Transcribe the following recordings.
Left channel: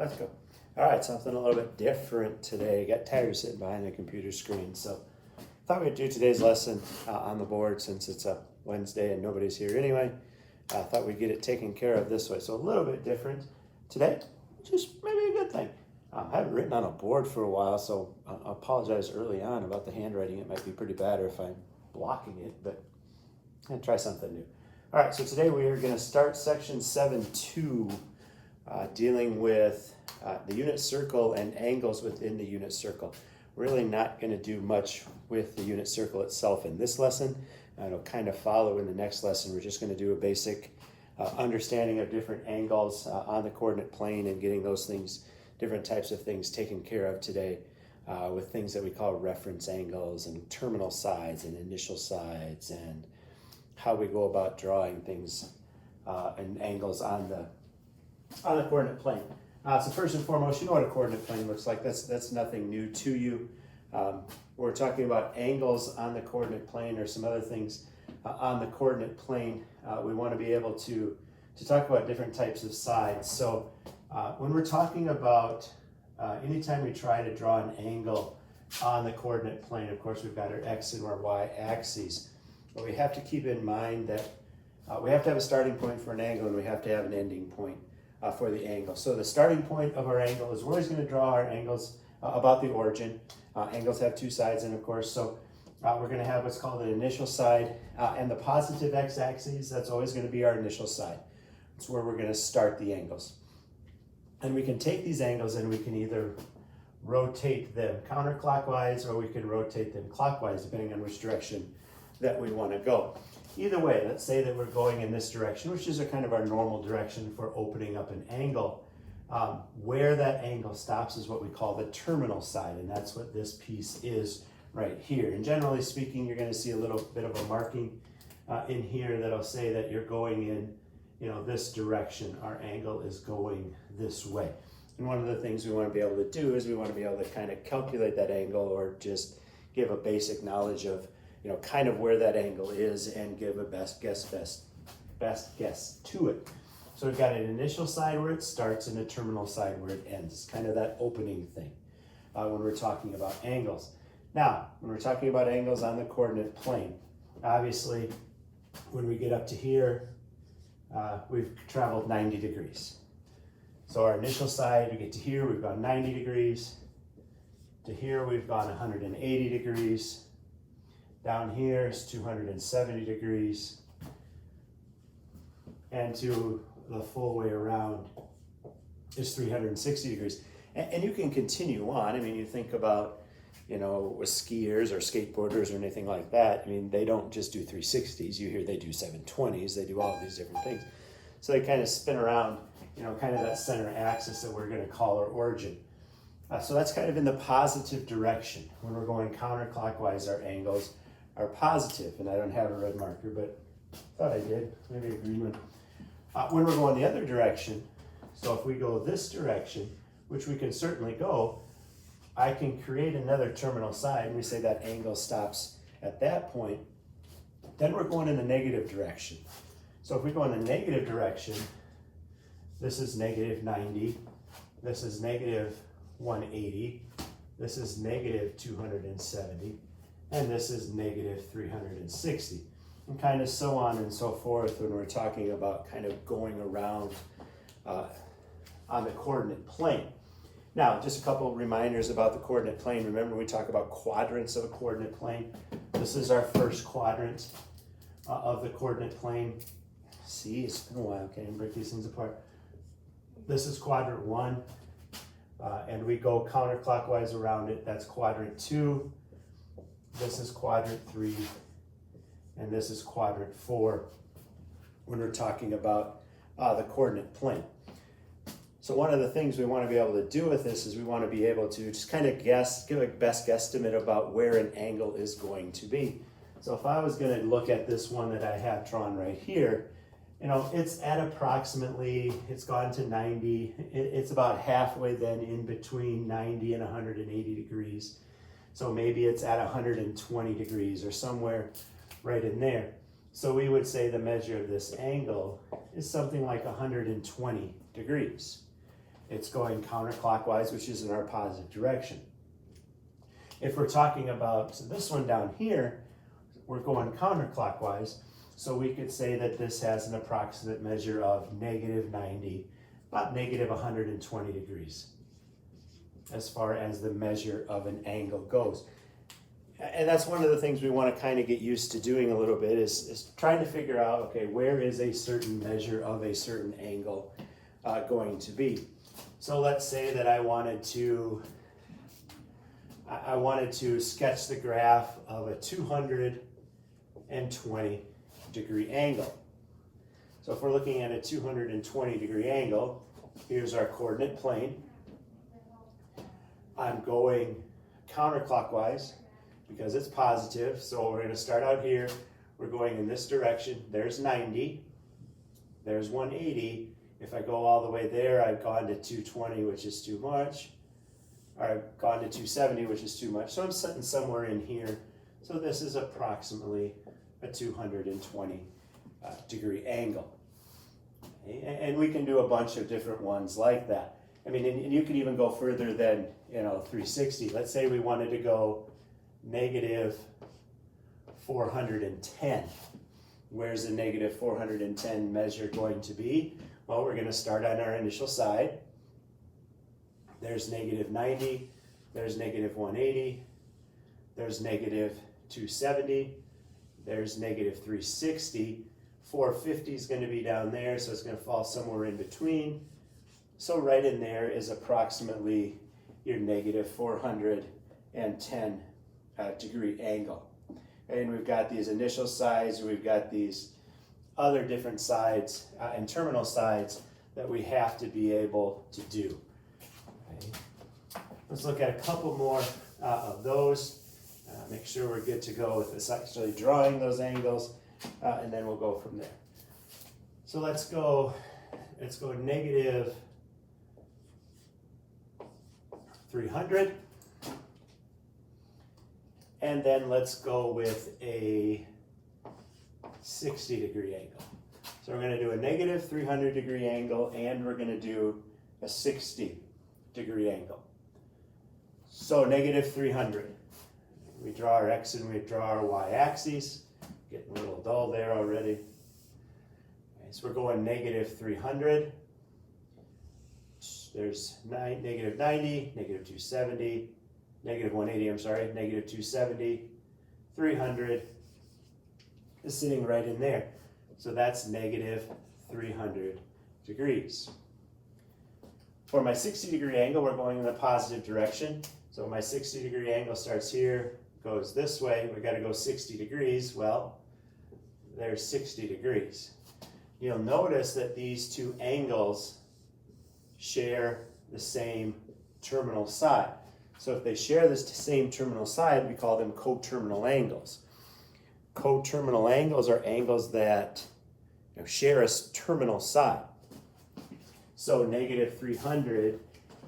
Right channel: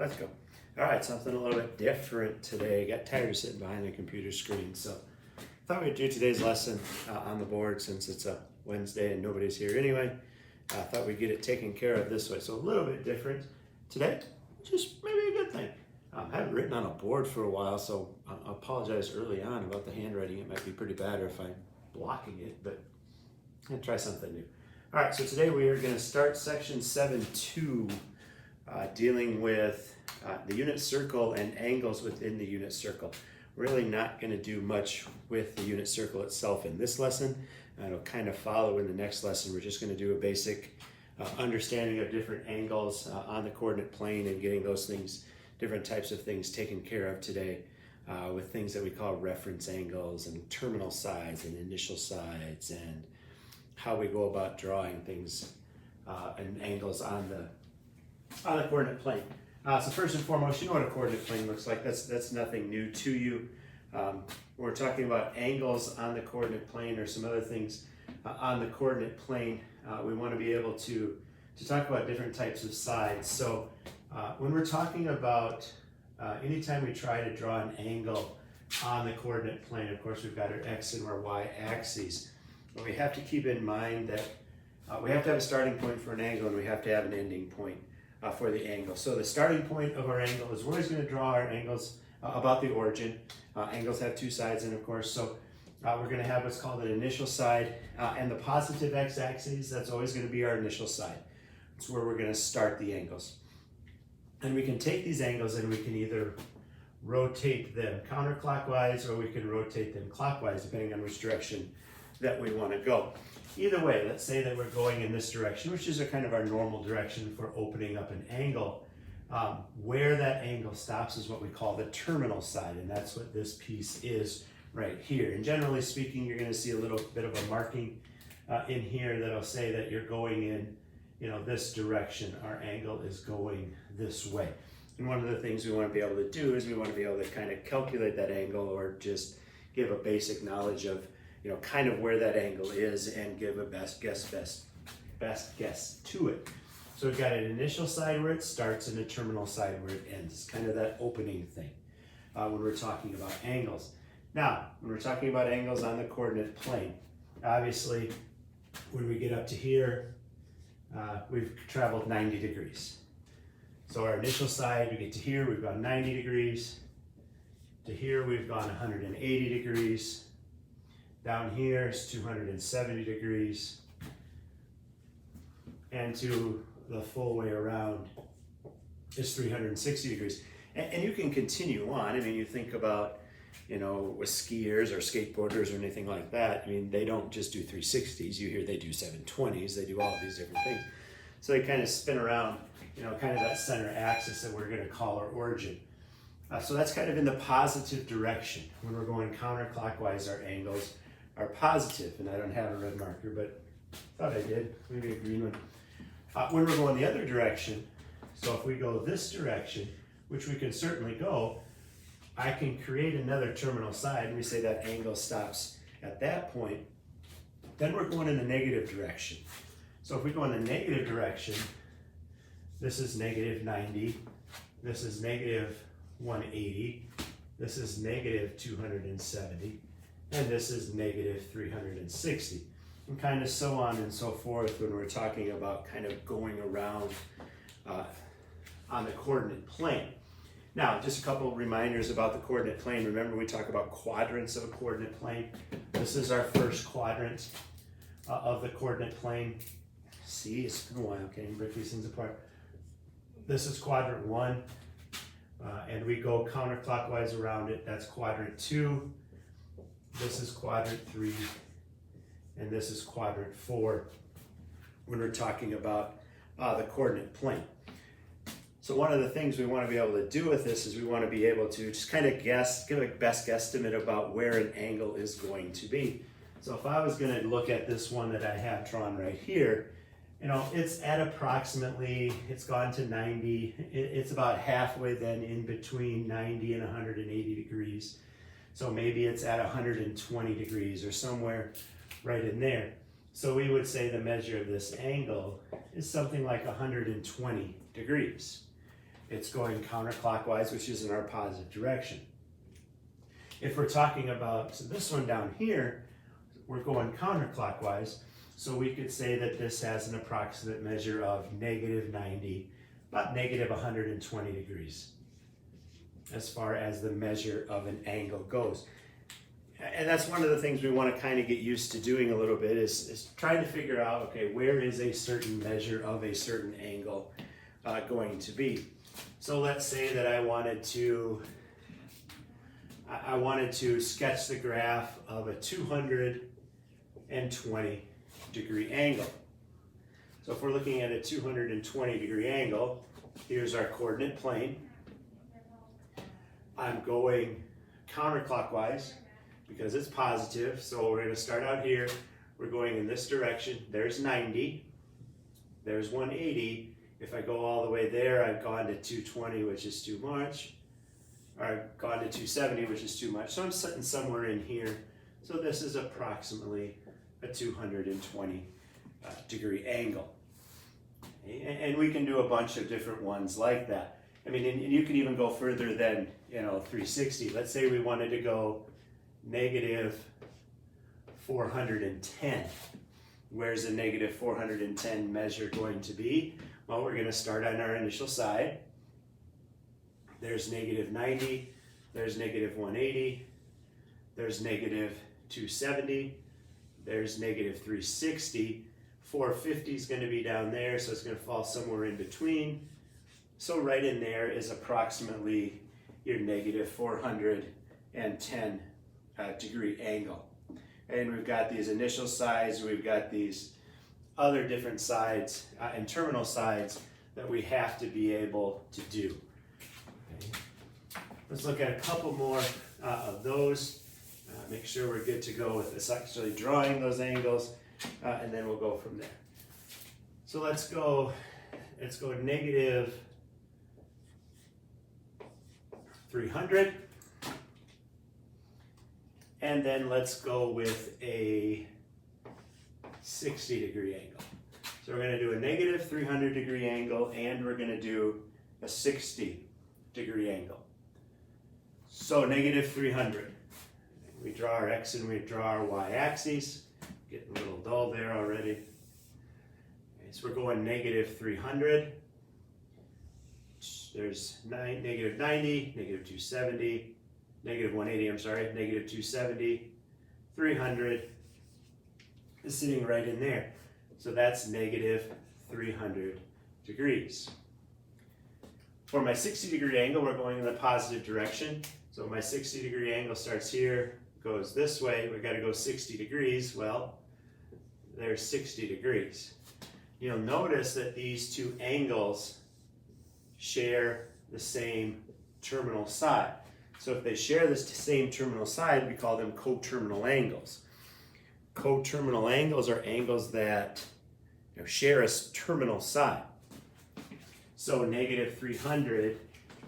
Let's go. All right, something a little bit different today. Got tired of sitting behind a computer screen, so thought we'd do today's lesson on the board since it's a Wednesday and nobody's here anyway. I thought we'd get it taken care of this way, so a little bit different today, just maybe a good thing. I haven't written on a board for a while, so I apologize early on about the handwriting. It might be pretty bad or if I'm blocking it, but I'm gonna try something new. All right, so today we are gonna start section 7.2, dealing with the unit circle and angles within the unit circle. Really not going to do much with the unit circle itself in this lesson. It'll kind of follow in the next lesson. We're just going to do a basic understanding of different angles on the coordinate plane and getting those things, different types of things taken care of today with things that we call reference angles and terminal sides and initial sides and how we go about drawing things and angles on the coordinate plane. So first and foremost, you know what a coordinate plane looks like. That's nothing new to you. We're talking about angles on the coordinate plane or some other things on the coordinate plane. We want to be able to talk about different types of sides. So when we're talking about anytime we try to draw an angle on the coordinate plane, of course we've got our x and our y axes. But we have to keep in mind that we have to have a starting point for an angle and we have to have an ending point for the angle. So the starting point of our angle is we're always going to draw our angles about the origin. Angles have two sides, and of course, so we're going to have what's called an initial side, and the positive x-axis, that's always going to be our initial side. It's where we're going to start the angles. And we can take these angles and we can either rotate them counterclockwise or we can rotate them clockwise, depending on which direction that we want to go. Either way, let's say that we're going in this direction, which is a kind of our normal direction for opening up an angle. Where that angle stops is what we call the terminal side, and that's what this piece is right here. And generally speaking, you're going to see a little bit of a marking in here that'll say that you're going in, this direction. Our angle is going this way. And one of the things we want to be able to do is we want to be able to kind of calculate that angle or just give a basic knowledge of kind of where that angle is and give a best guess to it. So we've got an initial side where it starts and a terminal side where it ends, kind of that opening thing when we're talking about angles. Now, when we're talking about angles on the coordinate plane, obviously when we get up to here, we've traveled 90 degrees. So our initial side, we get to here, we've gone 90 degrees. To here, we've gone 180 degrees. Down here is 270 degrees, and to the full way around is 360 degrees. And you can continue on. I mean, you think about, with skiers or skateboarders or anything like that, I mean, they don't just do 360s. You hear they do 720s. They do all of these different things. So they kind of spin around, kind of that center axis that we're going to call our origin. So that's kind of in the positive direction. When we're going counterclockwise, our angles are positive, and I don't have a red marker, but thought I did, maybe a green one. When we're going the other direction, so if we go this direction, which we can certainly go, I can create another terminal side, and we say that angle stops at that point. Then we're going in a negative direction. So if we go in the negative direction, this is negative 90, this is negative 180, this is negative 270, and this is negative 360, and kind of so on and so forth when we're talking about kind of going around on the coordinate plane. Now, just a couple of reminders about the coordinate plane. Remember, we talk about quadrants of a coordinate plane. This is our first quadrant of the coordinate plane. See, it's been a while, okay, and break these things apart. This is quadrant 1, and we go counterclockwise around it. That's quadrant 2. This is quadrant 3, and this is quadrant 4 when we're talking about the coordinate plane. So one of the things we want to be able to do with this is we want to be able to just kind of guess, give a best guesstimate about where an angle is going to be. So if I was going to look at this one that I have drawn right here, it's at approximately, it's gone to 90. It's about halfway then in between 90 and 180 degrees. So maybe it's at 120 degrees or somewhere right in there. So we would say the measure of this angle is something like 120 degrees. it's going counterclockwise, which is in our positive direction. If we're talking about this one down here, we're going counterclockwise, so we could say that this has an approximate measure of negative 90, about negative 120 degrees, as far as the measure of an angle goes. And that's one of the things we want to kind of get used to doing a little bit is trying to figure out, okay, where is a certain measure of a certain angle going to be. So let's say that I wanted to sketch the graph of a 220 degree angle. So if we're looking at a 220 degree angle, here's our coordinate plane. I'm going counterclockwise because it's positive. So we're going to start out here. We're going in this direction. There's 90. There's 180. If I go all the way there, I've gone to 220, which is too much. Or I've gone to 270, which is too much. So I'm sitting somewhere in here. So this is approximately a 220 degree angle. Okay? And we can do a bunch of different ones like that. I mean, and you could even go further than, 360. Let's say we wanted to go negative 410. Where's the negative 410 measure going to be? Well, we're going to start on our initial side. There's negative 90. There's negative 180. There's negative 270. There's negative 360. 450 is going to be down there, so it's going to fall somewhere in between. So right in there is approximately your negative 410 degree angle. And we've got these initial sides, we've got these other different sides and terminal sides that we have to be able to do. Okay. Let's look at a couple more of those. Make sure we're good to go with this actually drawing those angles, and then we'll go from there. So let's go negative 300. And then let's go with a 60 degree angle. So we're going to do a negative 300 degree angle, and we're going to do a 60 degree angle. So negative 300. We draw our X and we draw our Y axes. Getting a little dull there already. Okay, so we're going negative 300. There's negative 90, negative 270, negative 180, I'm sorry, negative 270, 300 is sitting right in there. So that's negative 300 degrees. For my 60 degree angle, we're going in the positive direction. So my 60 degree angle starts here, goes this way. We've got to go 60 degrees. Well, there's 60 degrees. You'll notice that these two angles share the same terminal side. So if they share this same terminal side, we call them coterminal angles. Coterminal angles are angles that share a terminal side. So negative 300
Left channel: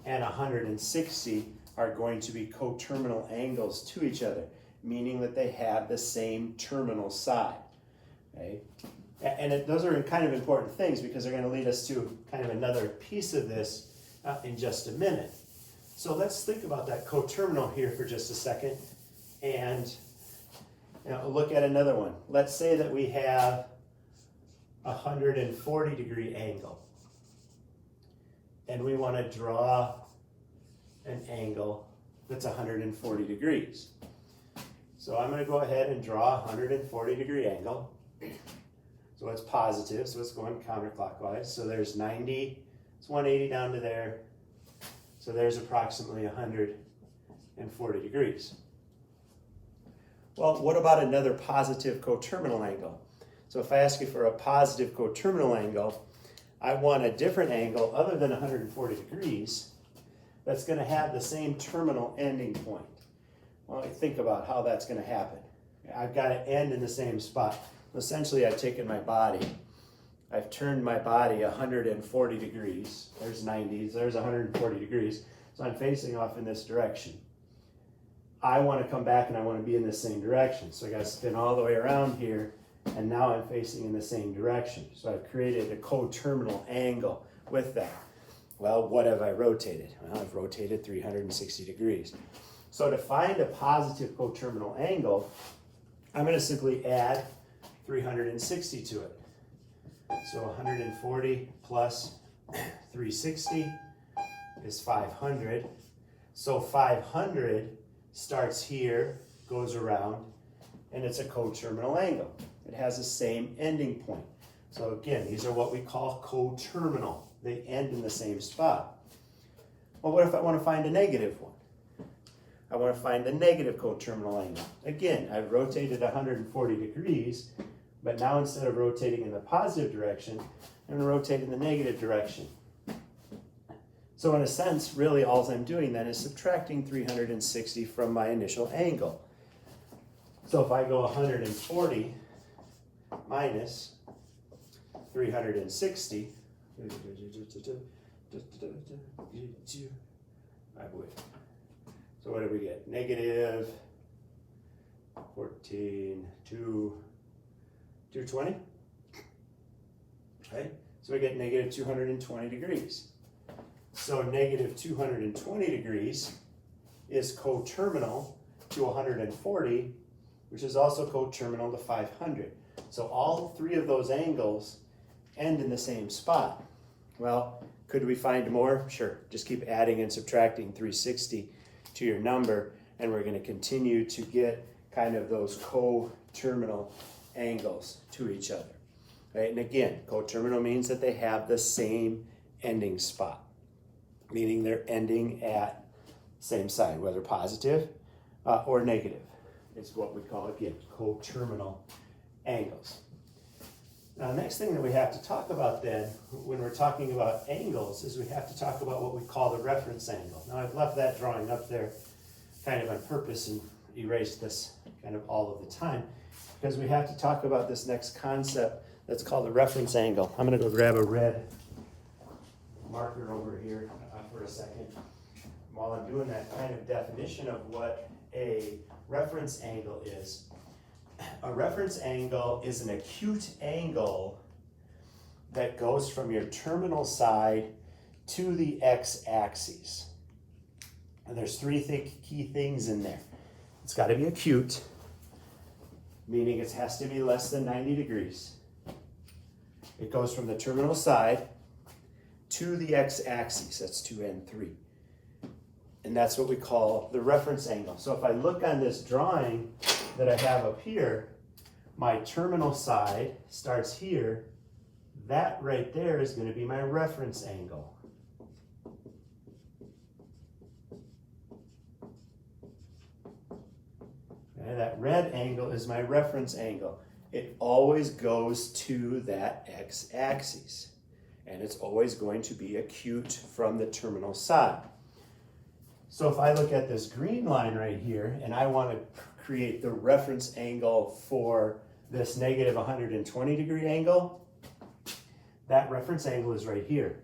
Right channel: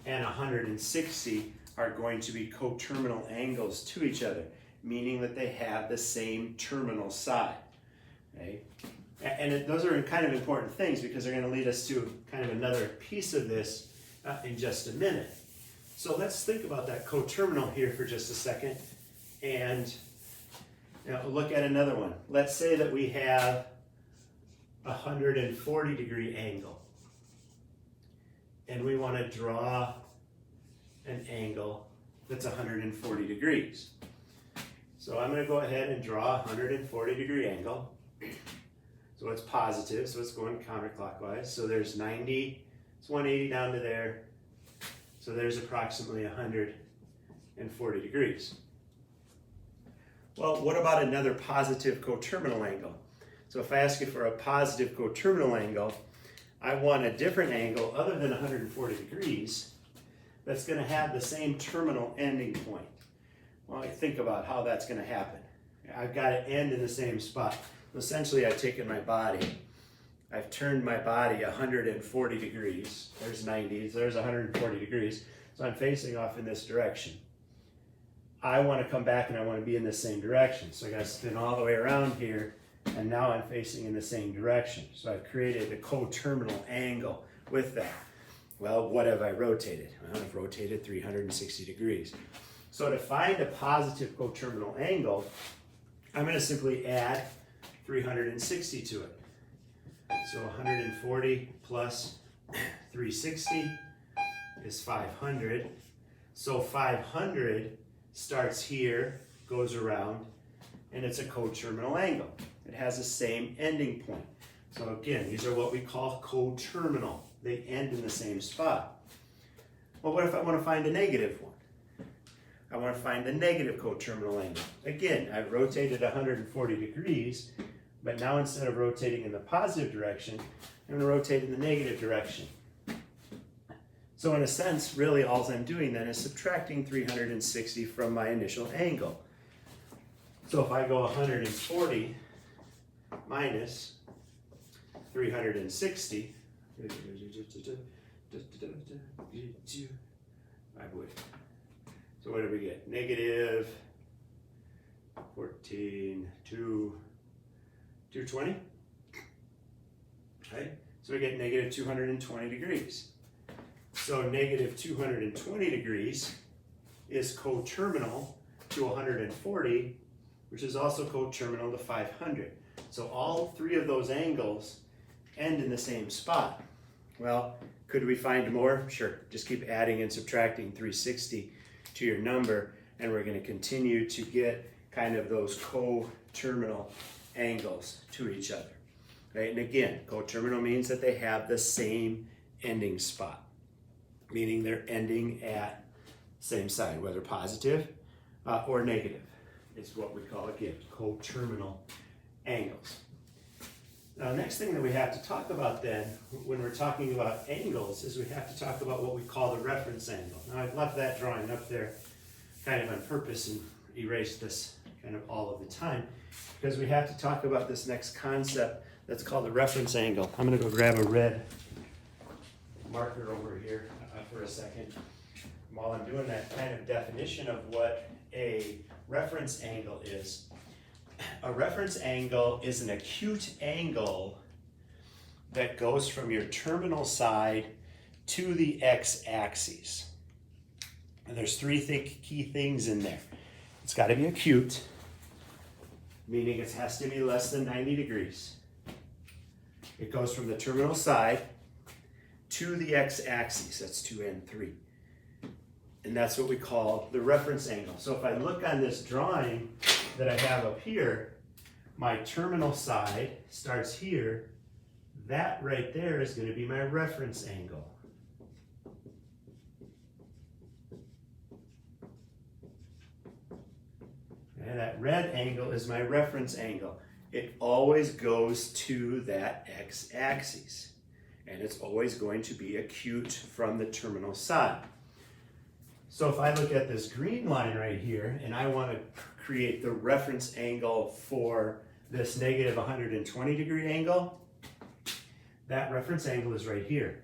and 160 are going to be coterminal angles to each other, meaning that they have the same terminal side. Okay? And those are kind of important things because they're going to lead us to kind of another piece of this in just a minute. So let's think about that coterminal here for just a second and look at another one. Let's say that we have a 140 degree angle and we want to draw an angle that's 140 degrees. So I'm going to go ahead and draw a 140 degree angle. So it's positive, so it's going counterclockwise. So there's 90, it's 180 down to there. So there's approximately 140 degrees. Well, what about another positive coterminal angle? So if I ask you for a positive coterminal angle, I want a different angle other than 140 degrees that's going to have the same terminal ending point. Well, think about how that's going to happen. I've got to end in the same spot. Essentially, I've taken my body, I've turned my body 140 degrees. There's 90, there's 140 degrees. So I'm facing off in this direction. I want to come back and I want to be in the same direction. So I got to spin all the way around here, and now I'm facing in the same direction. So I've created a coterminal angle with that. Well, what have I rotated? Well, I've rotated 360 degrees. So to find a positive coterminal angle, I'm going to simply add 360 to it. So 140 plus 360 is 500. So 500 starts here, goes around, and it's a coterminal angle. It has the same ending point. So again, these are what we call coterminal. They end in the same spot. Well, what if I want to find a negative one? I want to find the negative coterminal angle. Again, I've rotated 140 degrees, but now instead of rotating in the positive direction, I'm going to rotate in the negative direction. So in a sense, really all I'm doing then is subtracting 360 from my initial angle. So if I go 140 minus 360, so what do we get? Negative 14, 220. Right? So we get negative 220 degrees. So negative 220 degrees is coterminal to 140, which is also coterminal to 500. So all three of those angles end in the same spot. Well, could we find more? Sure. Just keep adding and subtracting 360 to your number, and we're going to continue to get kind of those coterminal angles to each other. Right? And again, coterminal means that they have the same ending spot, meaning they're ending at same side, whether positive or negative. It's what we call, again, coterminal angles. Now, next thing that we have to talk about then, when we're talking about angles, is we have to talk about what we call the reference angle. Now, I've left that drawing up there kind of on purpose and erased this kind of all of the time, because we have to talk about this next concept that's called the reference angle. I'm going to go grab a red marker over here for a second. While I'm doing that kind of definition of what a reference angle is, a reference angle is an acute angle that goes from your terminal side to the x-axis. And there's three key things in there. It's got to be acute, meaning it has to be less than 90 degrees. It goes from the terminal side to the x-axis. That's 2 and 3. And that's what we call the reference angle. So if I look on this drawing that I have up here, my terminal side starts here. That right there is going to be my reference angle. And that red angle is my reference angle. It always goes to that x-axis. And it's always going to be acute from the terminal side. So if I look at this green line right here, and I want to create the reference angle for this negative 120 degree angle, that reference angle is right here.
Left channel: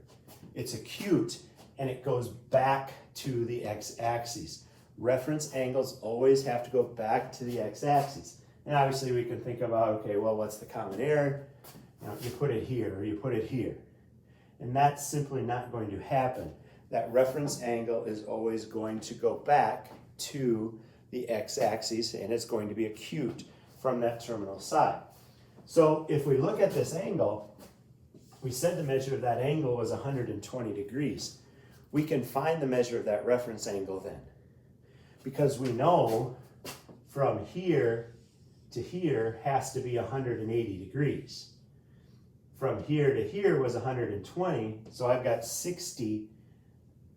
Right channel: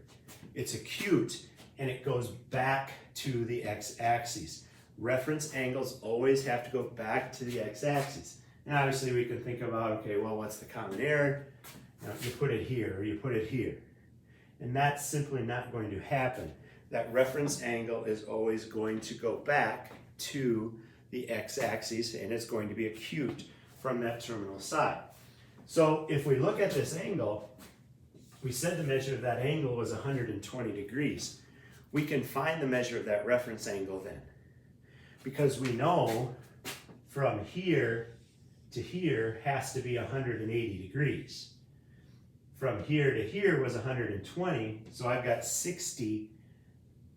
It's acute, and it goes back to the x-axis. Reference angles always have to go back to the x-axis. And obviously we can think about, okay, well, what's the common error? Now, you put it here, or you put it here. And that's simply not going to happen. That reference angle is always going to go back to the x-axis, and it's going to be acute from that terminal side. So if we look at this angle, we said the measure of that angle was 120 degrees. We can find the measure of that reference angle then, because we know from here to here has to be 180 degrees. From here to here was 120, so I've got 60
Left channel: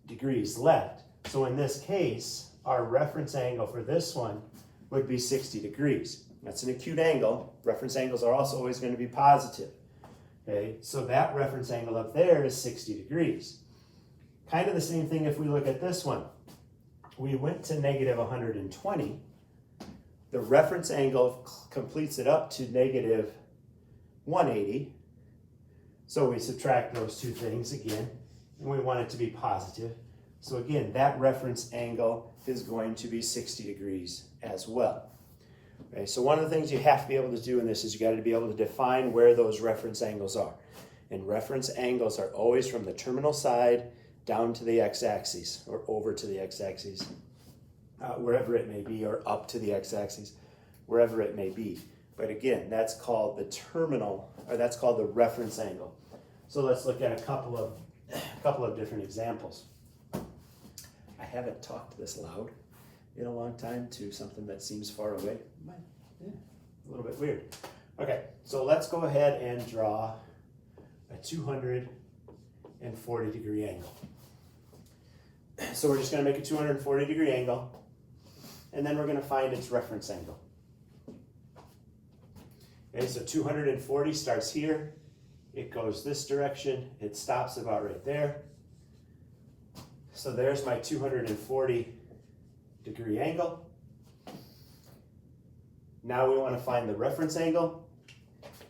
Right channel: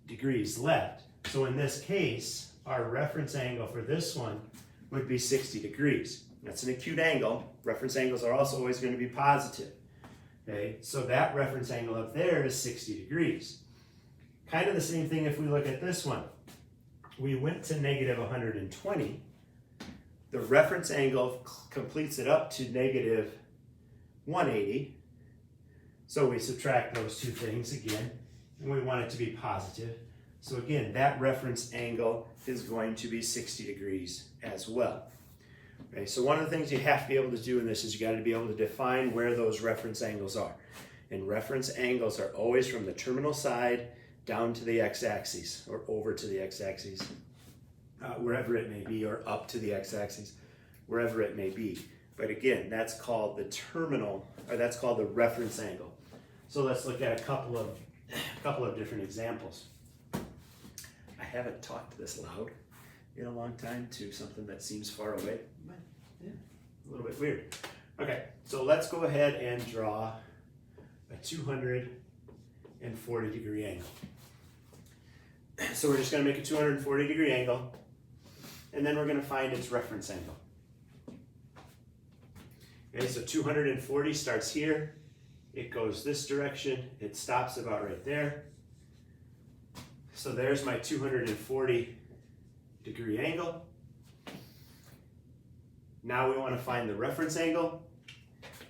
degrees left. So in this case, our reference angle for this one would be 60 degrees. That's an acute angle. Reference angles are also always going to be positive. Okay, so that reference angle up there is 60 degrees. Kind of the same thing if we look at this one. We went to negative 120. The reference angle completes it up to negative 180. So we subtract those two things again, and we want it to be positive. So again, that reference angle is going to be 60 degrees as well. Okay, so one of the things you have to be able to do in this is you got to be able to define where those reference angles are. And reference angles are always from the terminal side down to the x-axis or over to the x-axis, wherever it may be, or up to the x-axis, wherever it may be. But again, that's called the terminal, or that's called the reference angle. So let's look at a couple of different examples. I haven't talked this loud in a long time to something that seems far away. Yeah, a little bit weird. Okay, so let's go ahead and draw a 240 degree angle. So we're just going to make a 240 degree angle, and then we're going to find its reference angle. Okay, so 240 starts here, it goes this direction, it stops about right there. So there's my 240 degree angle. Now we want to find the reference angle.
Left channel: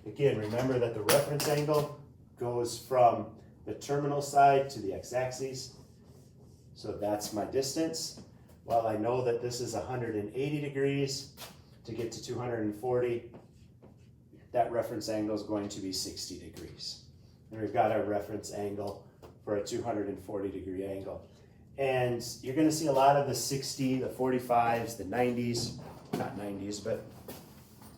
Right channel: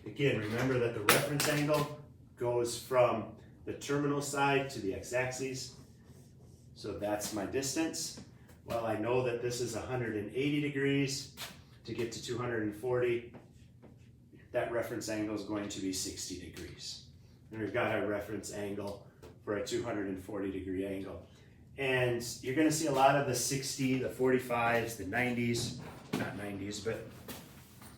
Again, remember that the reference angle goes from the terminal side to the x-axis. So that's my distance. Well, I know that this is 180 degrees. To get to 240, that reference angle is going to be 60 degrees. And we've got our reference angle for a 240 degree angle. And you're going to see a lot of the 60, the 45s, the 90s, not 90s, but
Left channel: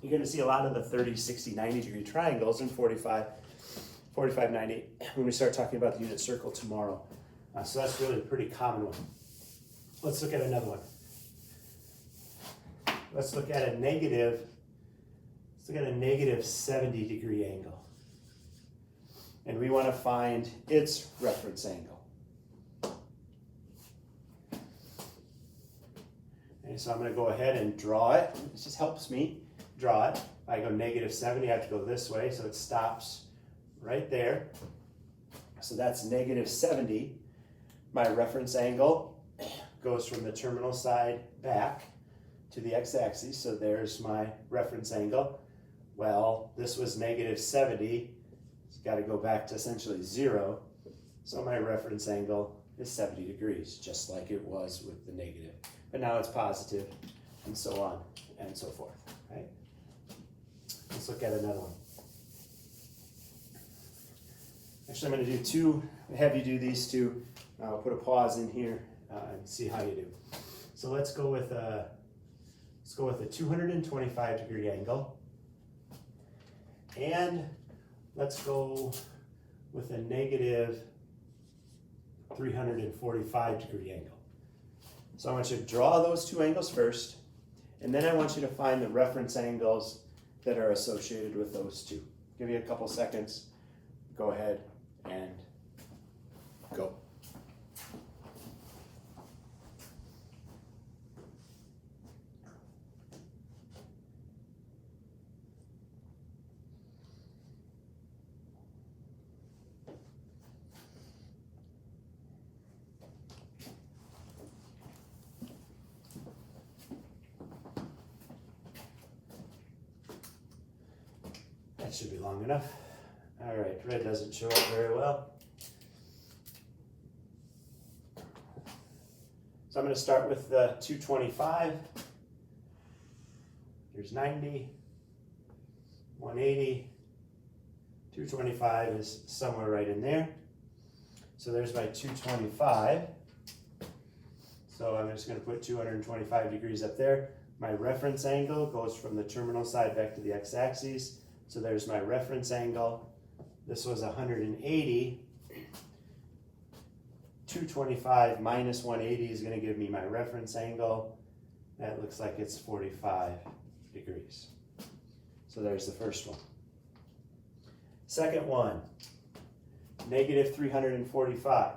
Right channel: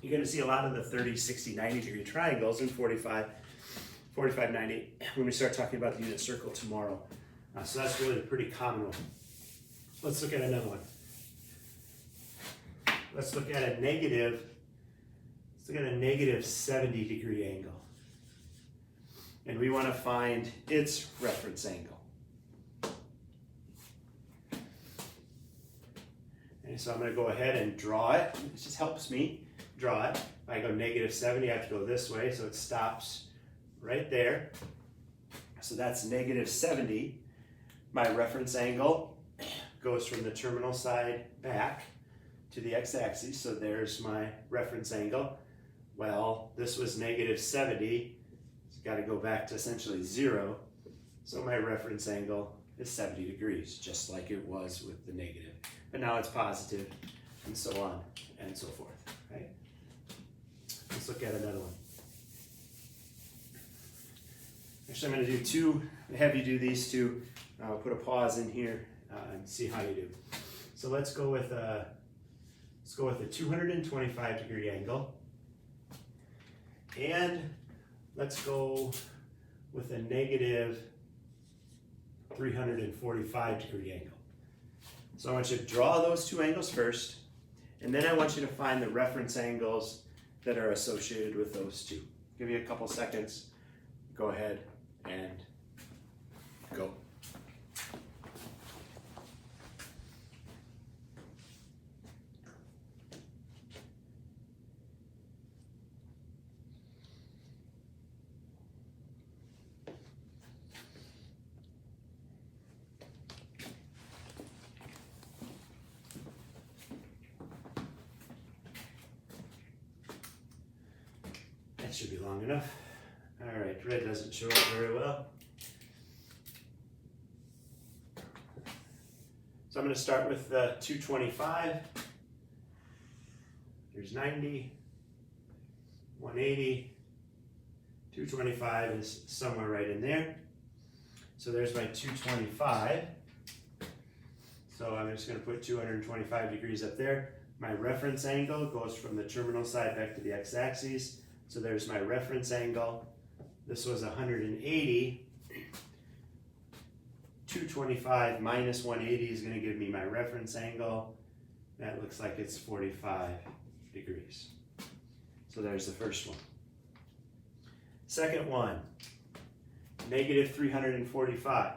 you're going to see a lot of the 30, 60, 90 degree triangles in 45, 90 when we start talking about the unit circle tomorrow. So that's really a pretty common one. Let's look at another one. Let's look at a negative 70 degree angle. And we want to find its reference angle. And so I'm going to go ahead and draw it. It just helps me draw it. If I go negative 70, I have to go this way, so it stops right there. So that's negative 70. My reference angle goes from the terminal side back to the x-axis, so there's my reference angle. Well, this was negative 70. It's got to go back to essentially 0. So my reference angle is 70 degrees, just like it was with the negative. But now it's positive, and so on and so forth, right? Let's look at another one. Actually, I'm going to do two, have you do these two. I'll put a pause in here and see how you do. So let's go with a 225 degree angle. And let's go with a negative 345 degree angle. So I want you to draw those two angles first, and then I want you to find the reference angles that are associated with those two. Give you a couple seconds. Go ahead and go. That should be long enough. All right, red doesn't show up very well. So I'm going to start with the 225. There's 90, 180, 225 is somewhere right in there. So there's my 225. So I'm just going to put 225 degrees up there. My reference angle goes from the terminal side back to the x-axis. So there's my reference angle. This was 180. 225 minus 180 is going to give me my reference angle. That looks like it's 45 degrees. So there's the first one. Second one, negative 345.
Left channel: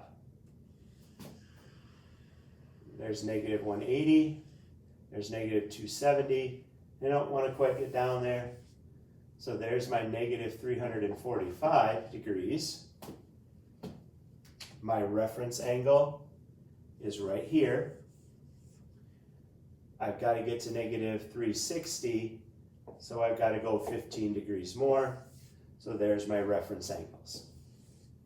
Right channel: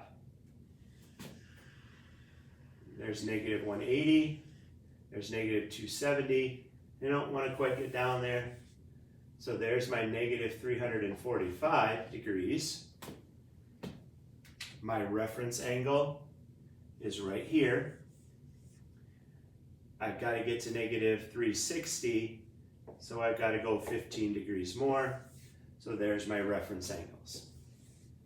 There's negative 180. There's negative 270. I don't want to quite get down there. So there's my negative 345 degrees. My reference angle is right here. I've got to get to negative 360, so I've got to go 15 degrees more. So there's my reference angles.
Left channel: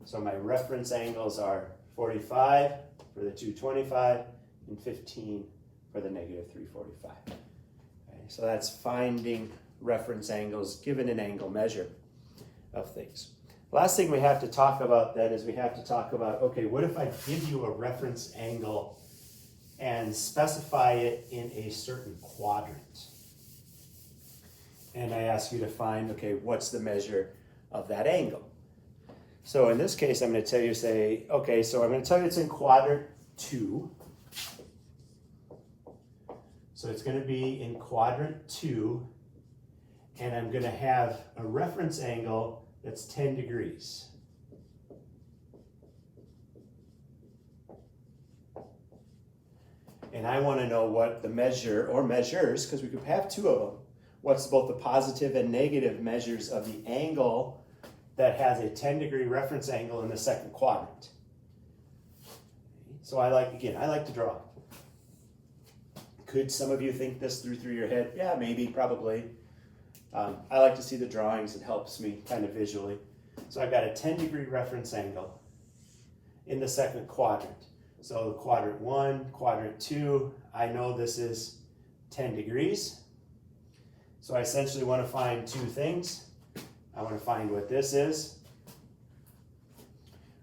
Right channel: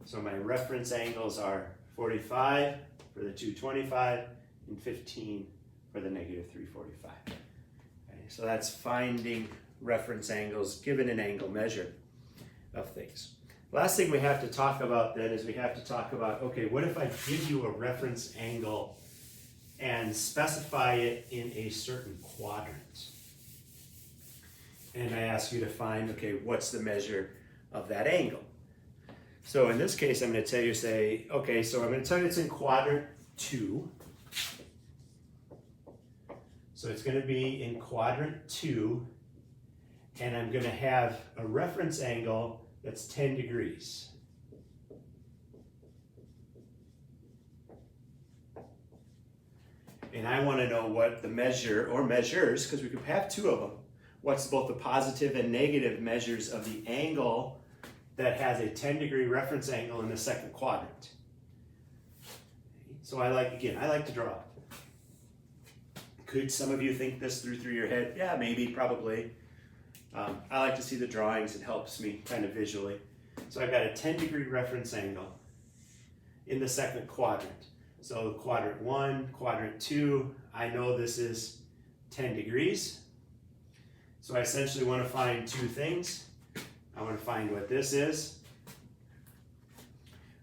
So my reference angles are 45 for the 225 and 15 for the negative 345. Okay, so that's finding reference angles given an angle measure of things. Last thing we have to talk about then is we have to talk about, okay, what if I give you a reference angle and specify it in a certain quadrant? And I ask you to find, okay, what's the measure of that angle? So in this case, I'm going to tell you, say, okay, so I'm going to tell you it's in quadrant 2. So it's going to be in quadrant 2, and I'm going to have a reference angle that's 10 degrees. And I want to know what the measure, or measures, because we could have 2 of them, what's both the positive and negative measures of the angle that has a 10-degree reference angle in the second quadrant. So I like to draw. Could some of you think this through your head? Yeah, maybe, probably. I like to see the drawings. It helps me kind of visually. So I've got a 10-degree reference angle in the second quadrant. So quadrant 1, quadrant 2, I know this is 10 degrees. So I essentially want to find 2 things. I want to find what this is.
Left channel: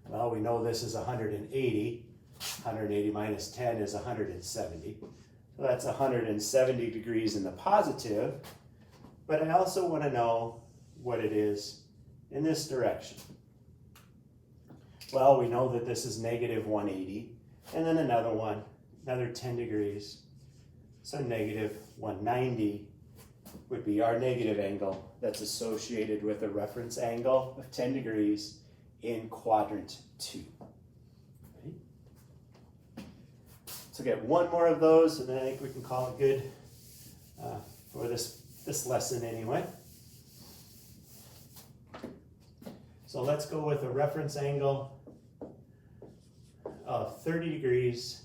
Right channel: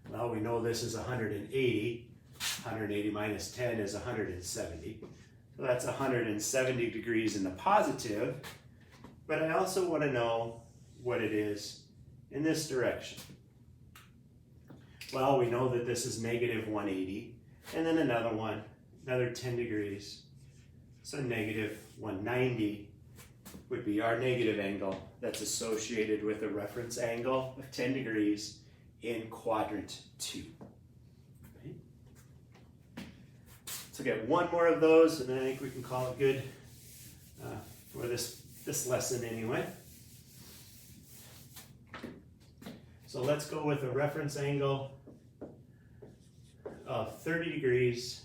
Well, we know this is 180. 180 minus 10 is 170. So that's 170 degrees in the positive. But I also want to know what it is in this direction. Well, we know that this is negative 180. And then another one, another 10 degrees. So negative 190 would be our negative angle that's associated with a reference angle of 10 degrees in quadrant 2. Okay. So get one more of those, and then I think we can call it good for this lesson anyway. So let's go with a reference angle of 30 degrees,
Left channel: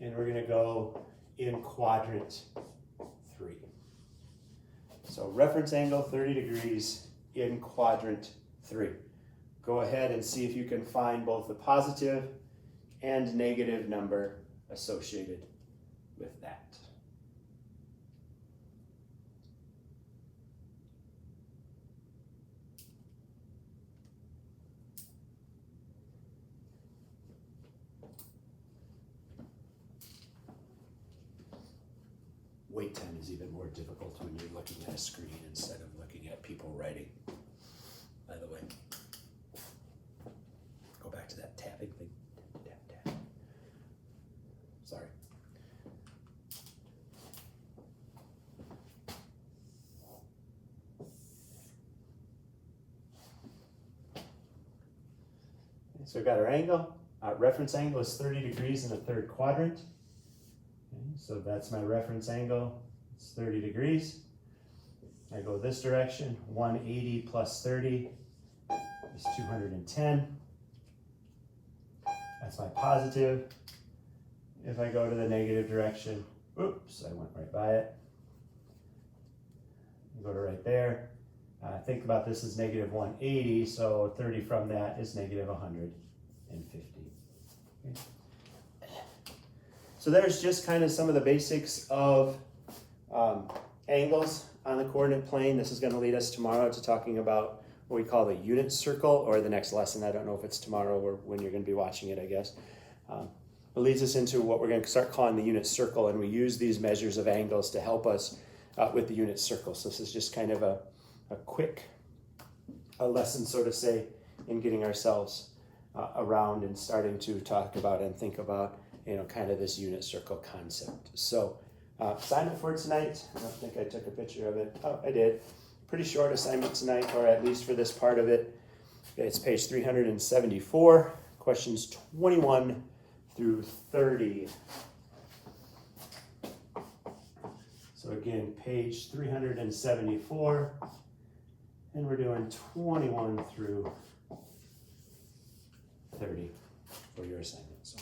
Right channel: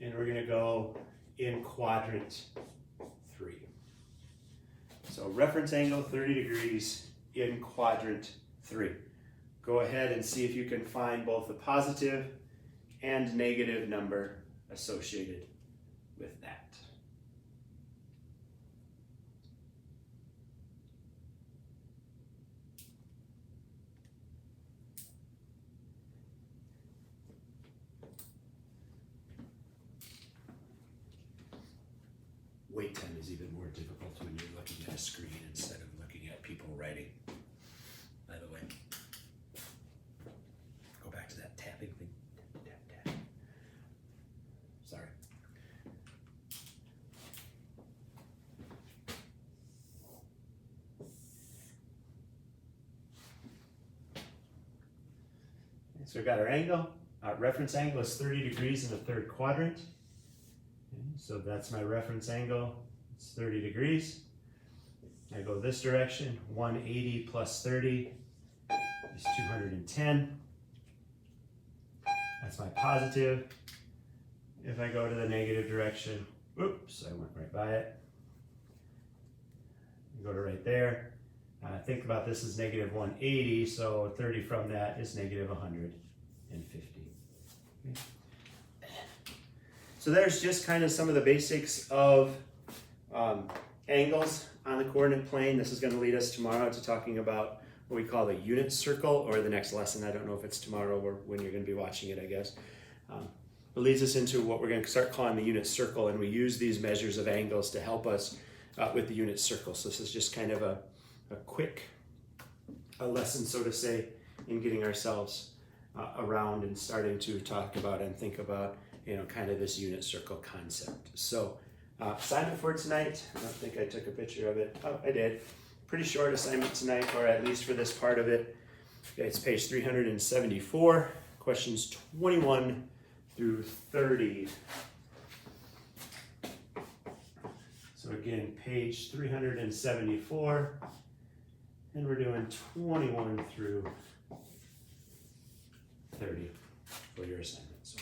and we're going to go in quadrant 3. So reference angle 30 degrees in quadrant 3. Go ahead and see if you can find both the positive and negative number associated with that. Wait time is even more difficult when you're looking at a screen instead of looking at people writing. By the way, go back to that tapping thing. Tap, tap. Sorry. Okay, so we've got our angle. Our reference angle is 30 degrees in the third quadrant. So that's my reference angle, it's 30 degrees. I go this direction, 180 plus 30 is 210. That's my positive. If I go to the negative direction, oops, I went right by it. I go to right there. Think about this as negative 180, so 30 from that is negative 150. Okay. So there's just kind of some of the basics of angles on the coordinate plane. This is going to lead us tomorrow to talking about what we call the unit circle, or the next lesson. I don't know if it's tomorrow or when you're going to be watching it, I guess. It leads us into what we're going to start calling the unit circle, and we use these measures of angles to help us with the unit circle. So this is just kind of a quick lesson, so to say, in getting ourselves around and starting to talk about and think about kind of this unit circle concept. So assignment for tonight, I don't think I took a picture of it. Oh, I did. Pretty short assignment tonight, or at least for this part of it. Okay, it's page 374, questions 21 through 30. So again, page 374, and we're doing 21 through 30 for your assignment. So.